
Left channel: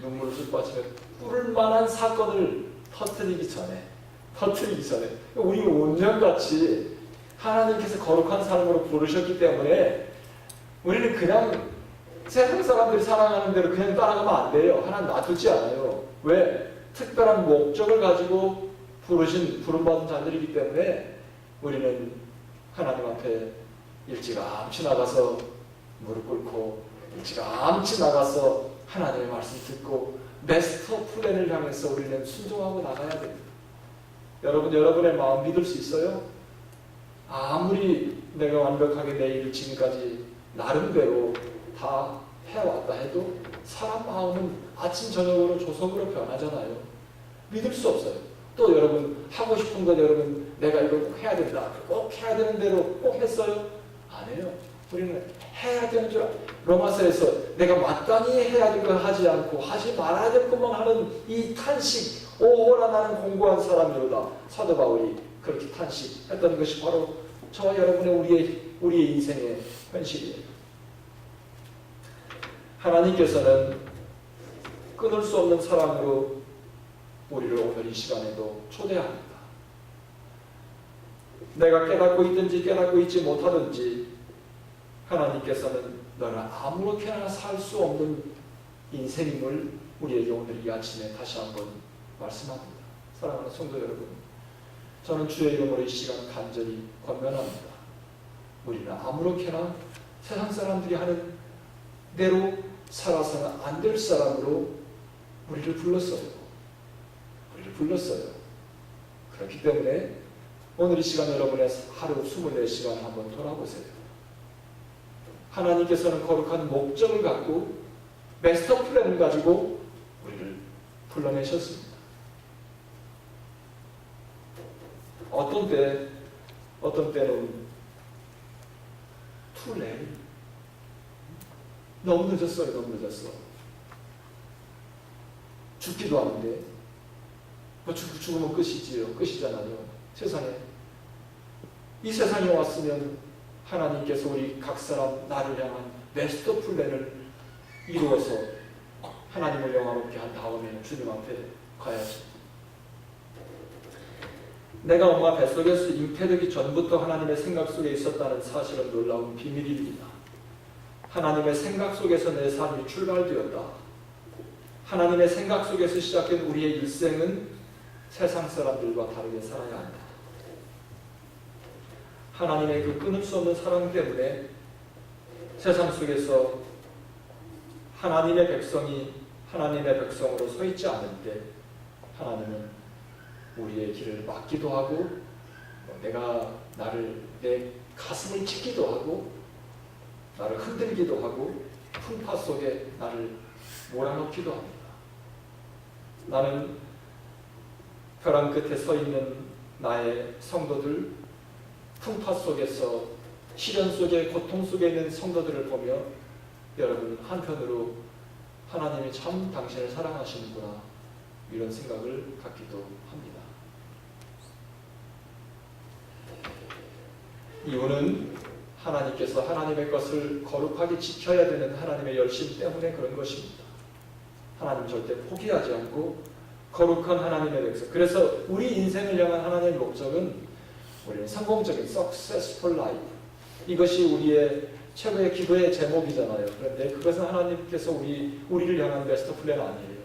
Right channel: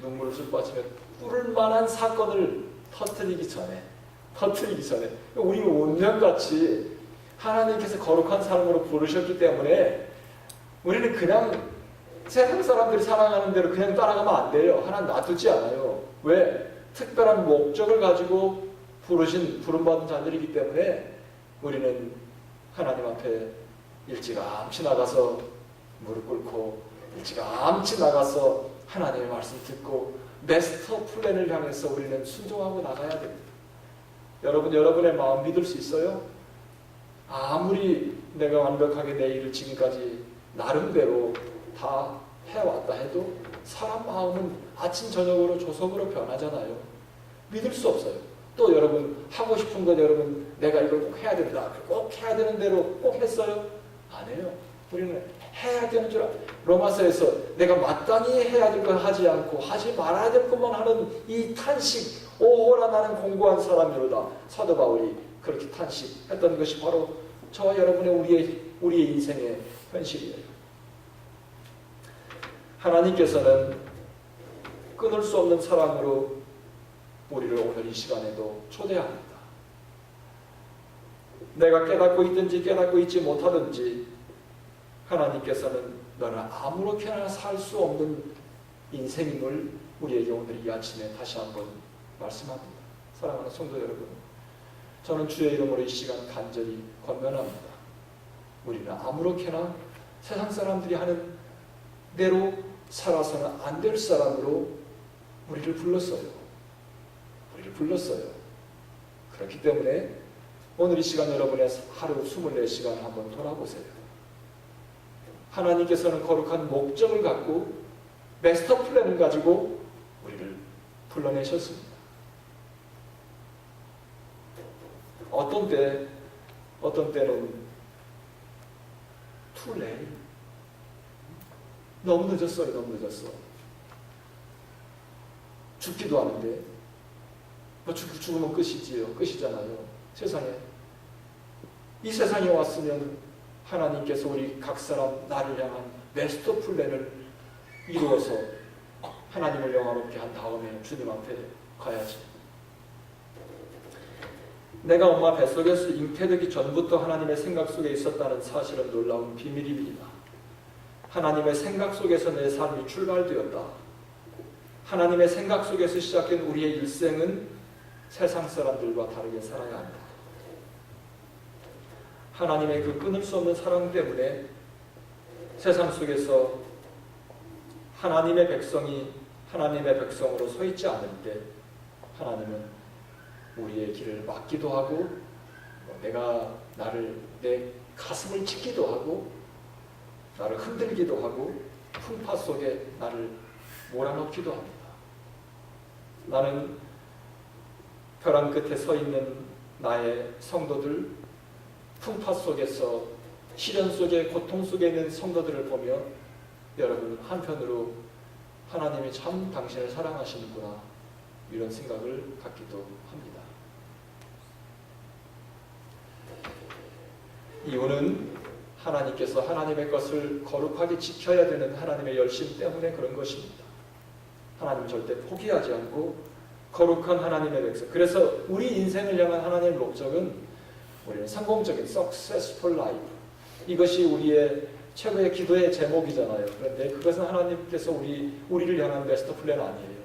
눈물을 쏟아치며 꿇을 만한 사건을 터뜨리기 전에 우리 운명같이 하나님께서 거룩한 삶으로 부르셨기 때문에 우리는 그냥 세상 사람들이 살아가는 대로 그냥 따라가면 안 돼요. 하나님 놔두지 않아요. 왜? 특별한 목적을 가지고 부름받은 자들이기 때문에 우리는 하나님 앞에 일찌감치 나가서 무릎 꿇고 일찌감치 나가서 하나님의 말씀 듣고 마스터 플랜을 향해서 우리는 순종하고 나가야 됩니다. 여러분, 여러분의 마음 믿을 수 있어요? 아무리 내가 완벽하게 내 일을 지금까지 나름대로 다 해왔다 해도 사람 마음은 아침 저녁으로 조석으로 변하잖아요. 믿을 수 없어요. 또 여러분 하고 싶은 건 여러분 내가 이걸 꼭 해야 된다. 꼭 해야 되는 대로 꼭 했어요? 안 해요. 우리는 해야 되는 줄 로마서에서 내가 마땅히 해야 될 걸 하지 않고 하지 말아야 될 것만 하는 이 탄식, 오호라 나는 공고한 사람이로다. 사도 바울이 그렇게 탄식했던 것이 바로 저와 여러분의 우리의 인생의 현실이에요. 하나님께서는 끊을 수 없는 사랑으로 우리를 오늘 이 시간에도 초대합니다. 내가 깨닫고 있든지 깨닫고 있지 못하든지 하나님께서는 너는 아무렇게나 살 수 없는 인생임을 우리에게 오늘 이 아침에 다시 한번 말씀합니다. 사랑하는 성도 여러분, 저는 주의 이름으로 이 시간 간절히 권면합니다. 우리는 아무렇게나 세상 사람들이 하는 대로 살아서는 안 될 사람으로 우리를 불렀어요. 그렇기 때문에 오늘 이 시간 여러분의 하루 24시간 한번 돌아보세요. 하나님께서는 거룩한 목적을 갖고 마스터 플랜을 가지고 우리를 불러내셨습니다. 어떤 때는 too late. 너무 늦었어요. 너무 늦었어. 죽기도 하는데 죽으면 끝이잖아요. 세상에. 이 세상에 왔으면 하나님께서 우리 각 사람 나를 향한 마스터 플랜을 이루어서 하나님을 영화롭게 한 다음에 주님 앞에 가야지. 내가 엄마 뱃속에서 잉태되기 전부터 하나님의 생각 속에 있었다는 사실은 놀라운 비밀입니다. 하나님의 생각 속에서 내 삶이 출발되었다. 하나님의 생각 속에서 시작된 우리의 일생은 세상 사람들과 다르게 살아야 한다. 하나님의 그 끊을 수 없는 사랑 때문에 세상 속에서 하나님의 백성이 하나님의 백성으로 서 있지 않을 때 하나님은 우리의 길을 막기도 하고 내가 내 가슴을 찢기도 하고 나를 흔들기도 하고 풍파 속에 나를 몰아넣기도 합니다. 나는 벼랑 끝에 서 있는 나의 성도들, 풍파 속에서 시련 속에 고통 속에 있는 성도들을 보며 여러분 한편으로 하나님이 참 당신을 사랑하시는구나 이런 생각을 갖기도 합니다. 이유는 하나님께서 하나님의 것을 거룩하게 지켜야 되는 하나님의 열심 때문에 그런 것입니다. 하나님 절대 포기하지 않고 거룩한 하나님의 백성. 그래서 우리 인생을 향한 하나님의 목적은 우리는 성공적인 successful life. 이것이 우리의 최고의 기도의 제목이잖아요. 그런데 그것은 하나님께서 우리를 향한 마스터 플랜 아니에요.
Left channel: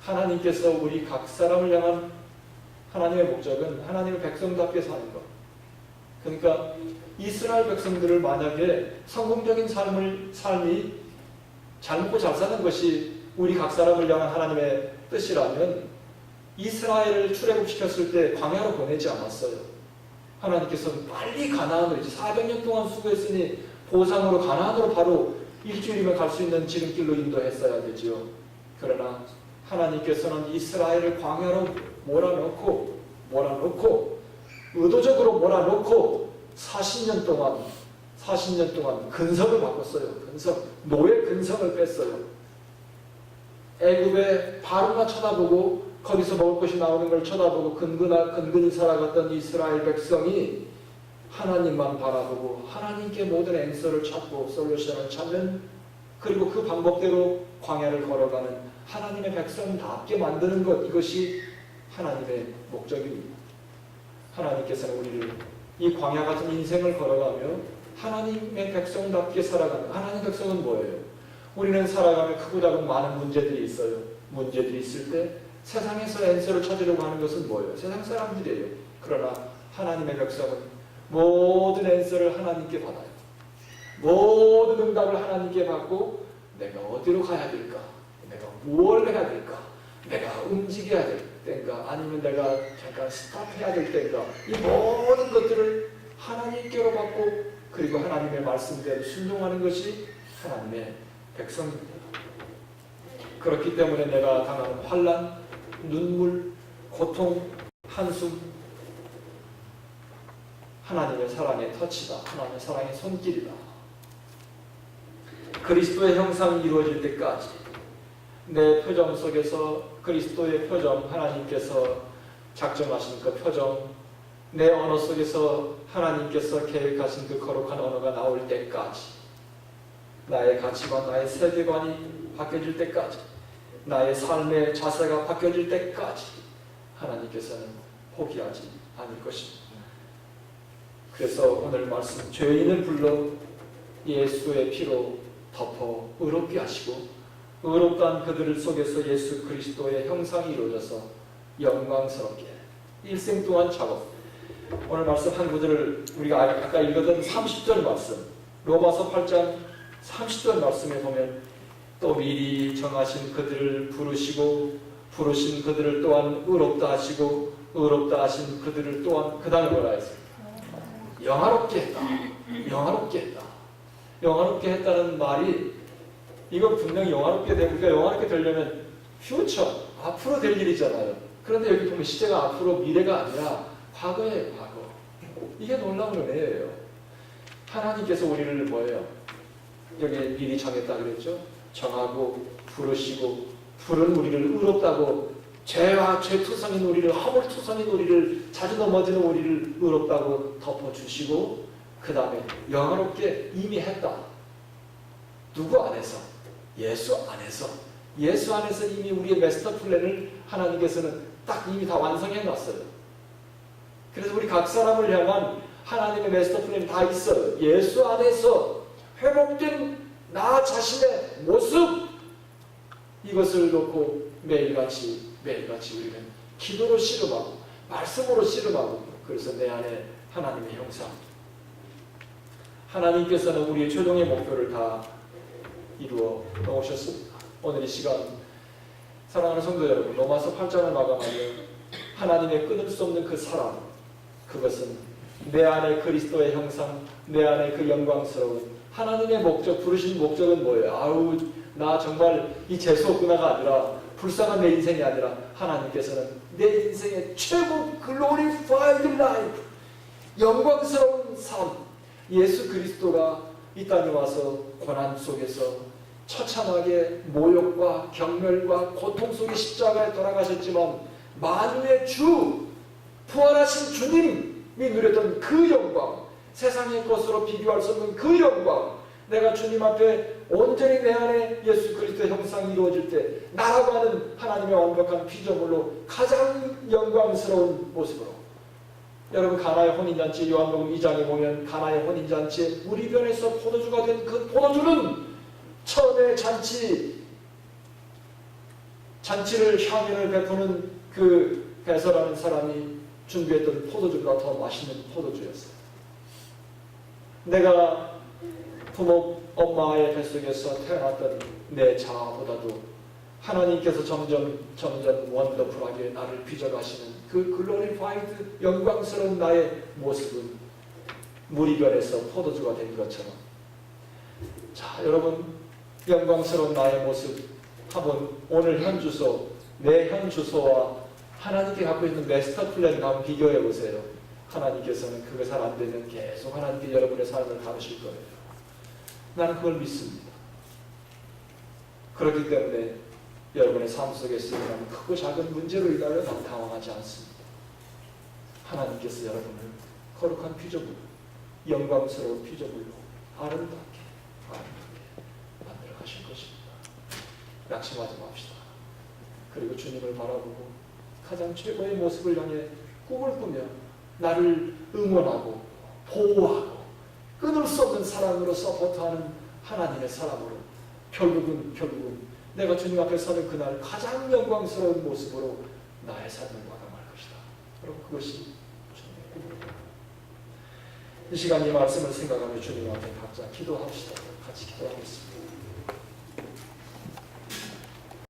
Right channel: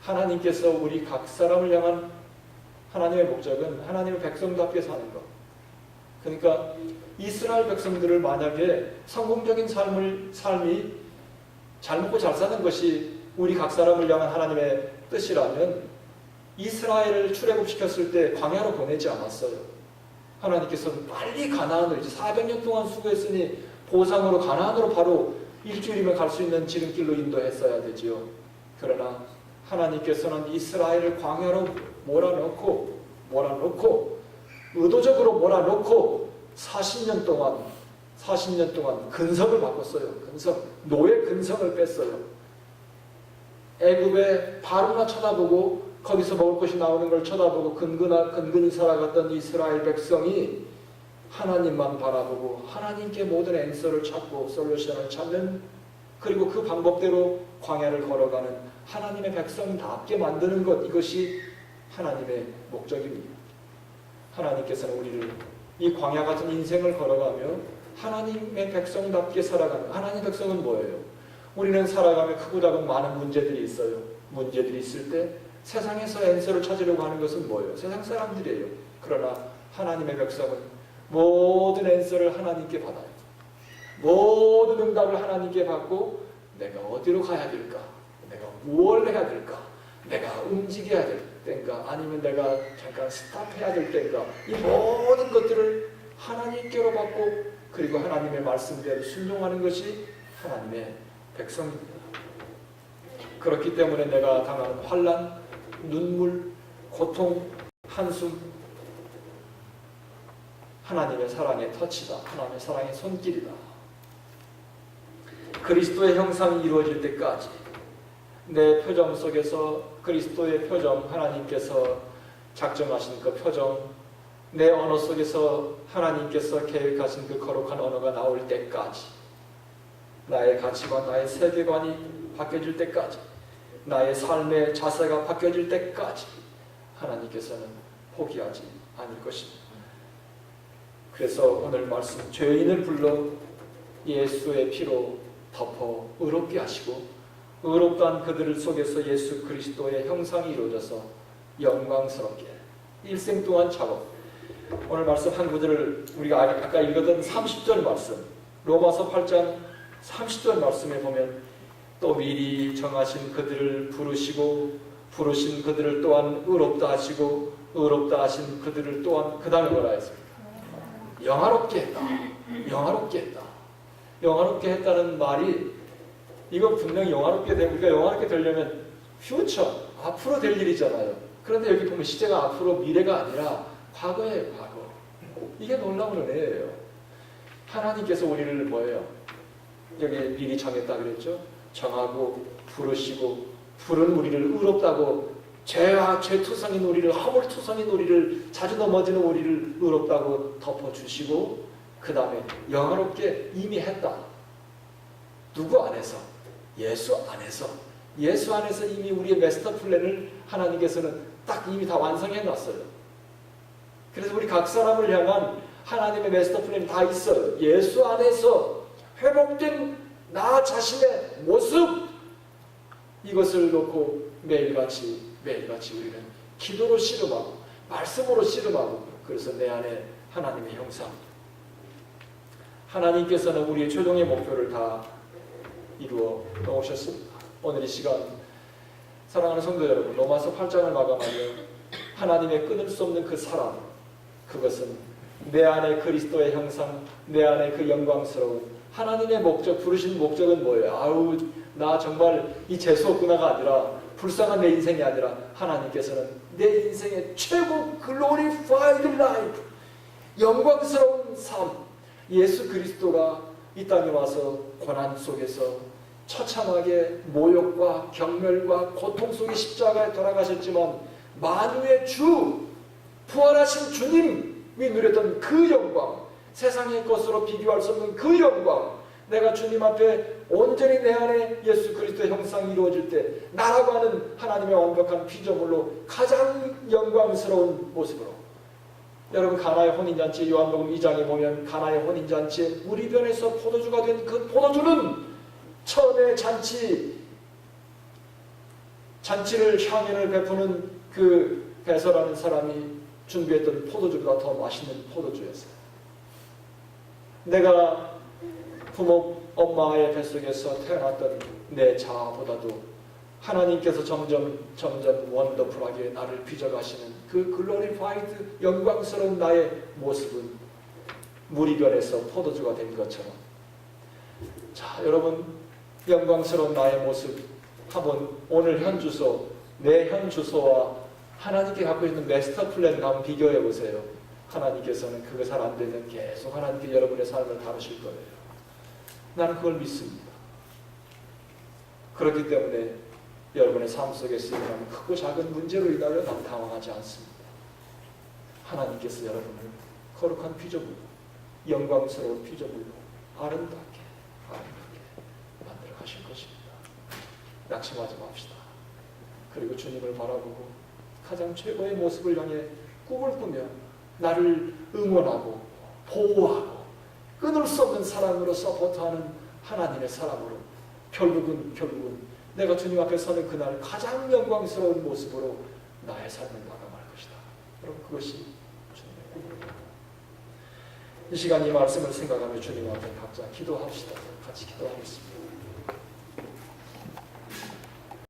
하나님께서 우리 각 사람을 향한 하나님의 목적은 하나님의 백성답게 사는 것. 그러니까 이스라엘 백성들을 만약에 성공적인 삶이 잘 먹고 잘 사는 것이 우리 각 사람을 향한 하나님의 뜻이라면 이스라엘을 출애굽시켰을 때 광야로 보내지 않았어요. 하나님께서 빨리 가나안으로 이제 400년 동안 수고했으니 보상으로 가나안으로 바로 일주일이면 갈 수 있는 지름길로 인도했어야 되지요. 그러나 하나님께서는 이스라엘을 광야로 몰아넣고 의도적으로 몰아넣고 40년 동안 근성을 바꿨어요. 노예 근성을 뺐어요. 애굽의 바로나 쳐다보고 거기서 먹을 것이 나오는 걸 쳐다보고 근근히 살아갔던 이스라엘 백성이 하나님만 바라보고 하나님께 모든 앤서를 찾고 솔루션을 찾는, 그리고 그 방법대로 광야를 걸어가는 하나님의 백성답게 만드는 것, 이것이 하나님의 목적입니다. 하나님께서는 우리를 이 광야 같은 인생을 걸어가며 하나님의 백성답게 살아가는, 하나님의 백성은 뭐예요? 우리는 살아가며 크고 작은 많은 문제들이 있어요. 문제들이 있을 때 세상에서 앤서를 찾으려고 하는 것은 뭐예요? 세상 사람들이에요. 그러나 하나님의 백성은 모든 앤서를 하나님께 받아요. 모든 응답을 하나님께 받고 내가 어디로 가야 될까? 내가 무엇을 해야 될까? 내가 움직여야 될 때인가? 아니면 내가 잠깐 스탑해야 될 때인가? 이 모든 것들을 하나님께로 받고 그리고 하나님의 말씀대로 순종하는 것이 하나님의 백성입니다. 그렇기 때문에 내가 당하는 환난, 눈물, 고통, 한숨, 하나님의 사랑의 터치다. 하나님의 사랑의 손길이다. 그리스도의 형상이 이루어질 때까지 내 표정 속에서 그리스도의 표정, 하나님께서 작정하신 그 표정, 내 언어 속에서 하나님께서 계획하신 그 거룩한 언어가 나올 때까지, 나의 가치관, 나의 세계관이 바뀌어질 때까지, 나의 삶의 자세가 바뀌어질 때까지 하나님께서는 포기하지 않을 것입니다. 그래서 오늘 말씀, 죄인을 불러 예수의 피로 덮어 의롭게 하시고 의롭다한 그들 속에서 예수 그리스도의 형상이 이루어져서 영광스럽게 일생 동안 작업. 오늘 말씀 한 구절을 우리가 아까 읽었던 30절 말씀, 로마서 8장 30절 말씀에 보면 또 미리 정하신 그들을 부르시고 부르신 그들을 또한 의롭다 하시고 의롭다 하신 그들을 또한 그 다음에 뭐라 했습니까? 영화롭게 했다. 영화롭게 했다. 영화롭게 했다는 말이 이건 분명히 영화롭게 되고, 우리가 영화롭게 되려면 퓨처, 앞으로 될 일이잖아요. 그런데 여기 보면 시제가 앞으로 미래가 아니라 과거예요. 과거. 이게 놀라운 은혜예요. 하나님께서 우리를 뭐예요? 여기 미리 정했다 그랬죠? 정하고 부르시고 부른 우리를 의롭다고, 죄와 죄투성인 우리를, 허물투성인 우리를, 자주 넘어지는 우리를 의롭다고 덮어주시고 그 다음에 영화롭게 이미 했다. 누구 안에서? 예수 안에서. 예수 안에서 이미 우리의 마스터 플랜을 하나님께서는 딱 이미 다 완성해 놨어요. 그래서 우리 각 사람을 향한 하나님의 마스터 플랜이 다 있어요. 예수 안에서 회복된 나 자신의 모습, 이것을 놓고 매일같이 우리는 기도로 씨름하고 말씀으로 씨름하고, 그래서 내 안에 하나님의 형상, 하나님께서는 우리의 최종의 목표를 다 이루어 놓으셨습니다. 오늘 이 시간 사랑하는 성도 여러분, 로마서 8장을 마감하면 하나님의 끊을 수 없는 그 사랑, 그것은 내 안에 그리스도의 형상, 내 안에 그 영광스러운 하나님의 목적, 부르신 목적은 뭐예요? 아우, 나 정말 이 재수없구나가 아니라, 불쌍한 내 인생이 아니라, 하나님께서는 내 인생의 최고 glorified life, 영광스러운 삶, 예수 그리스도가 이 땅에 와서 고난 속에서 처참하게 모욕과 경멸과 고통 속의 십자가에 돌아가셨지만 만유의 주, 부활하신 주님이 누렸던 그 영광, 세상의 것으로 비교할 수 없는 그 영광, 내가 주님 앞에 온전히 내 안에 예수 그리스도의 형상이 이루어질 때 나라고 하는 하나님의 완벽한 피조물로 가장 영광스러운 모습으로, 여러분 가나의 혼인잔치, 요한복음 2장에 보면 가나의 혼인잔치에 무리변에서 포도주가 된 그 포도주는 처음에 잔치를 향연을 베푸는 그 베서라는 사람이 준비했던 포도주보다 더 맛있는 포도주였어요. 내가 부모 엄마의 뱃속에서 태어났던 내 자아보다도 하나님께서 점점 원더풀하게 나를 빚어가시는 그 글로리파이드 영광스러운 나의 모습은 무리변에서 포도주가 된 것처럼, 자 여러분, 영광스러운 나의 모습 한번 오늘 현 주소, 내 현 주소와 하나님께 갖고 있는 마스터 플랜 한번 비교해 보세요. 하나님께서는 그거 잘 안 되면 계속 하나님께 여러분의 삶을 다루실 거예요. 나는 그걸 믿습니다. 그렇기 때문에 여러분의 삶 속에서 일어나는 크고 작은 문제로 인하여 난 당황하지 않습니다. 하나님께서 여러분을 거룩한 피조물로, 영광스러운 피조물로 아름답게 만들어 가실 것입니다. 낙심하지 맙시다. 그리고 주님을 바라보고 가장 최고의 모습을 향해 꿈을 꾸며 나를 응원하고 보호하고 끊을 수 없는 사랑으로 서포트하는 하나님의 사랑으로 결국은 내가 주님 앞에 서는 그날 가장 영광스러운 모습으로 나의 삶을 마감할 것이다. 여러분, 그것이 주님의 꿈입니다. 이 시간 이 말씀을 생각하며 주님 앞에 각자 기도합시다. 같이 기도하겠습니다.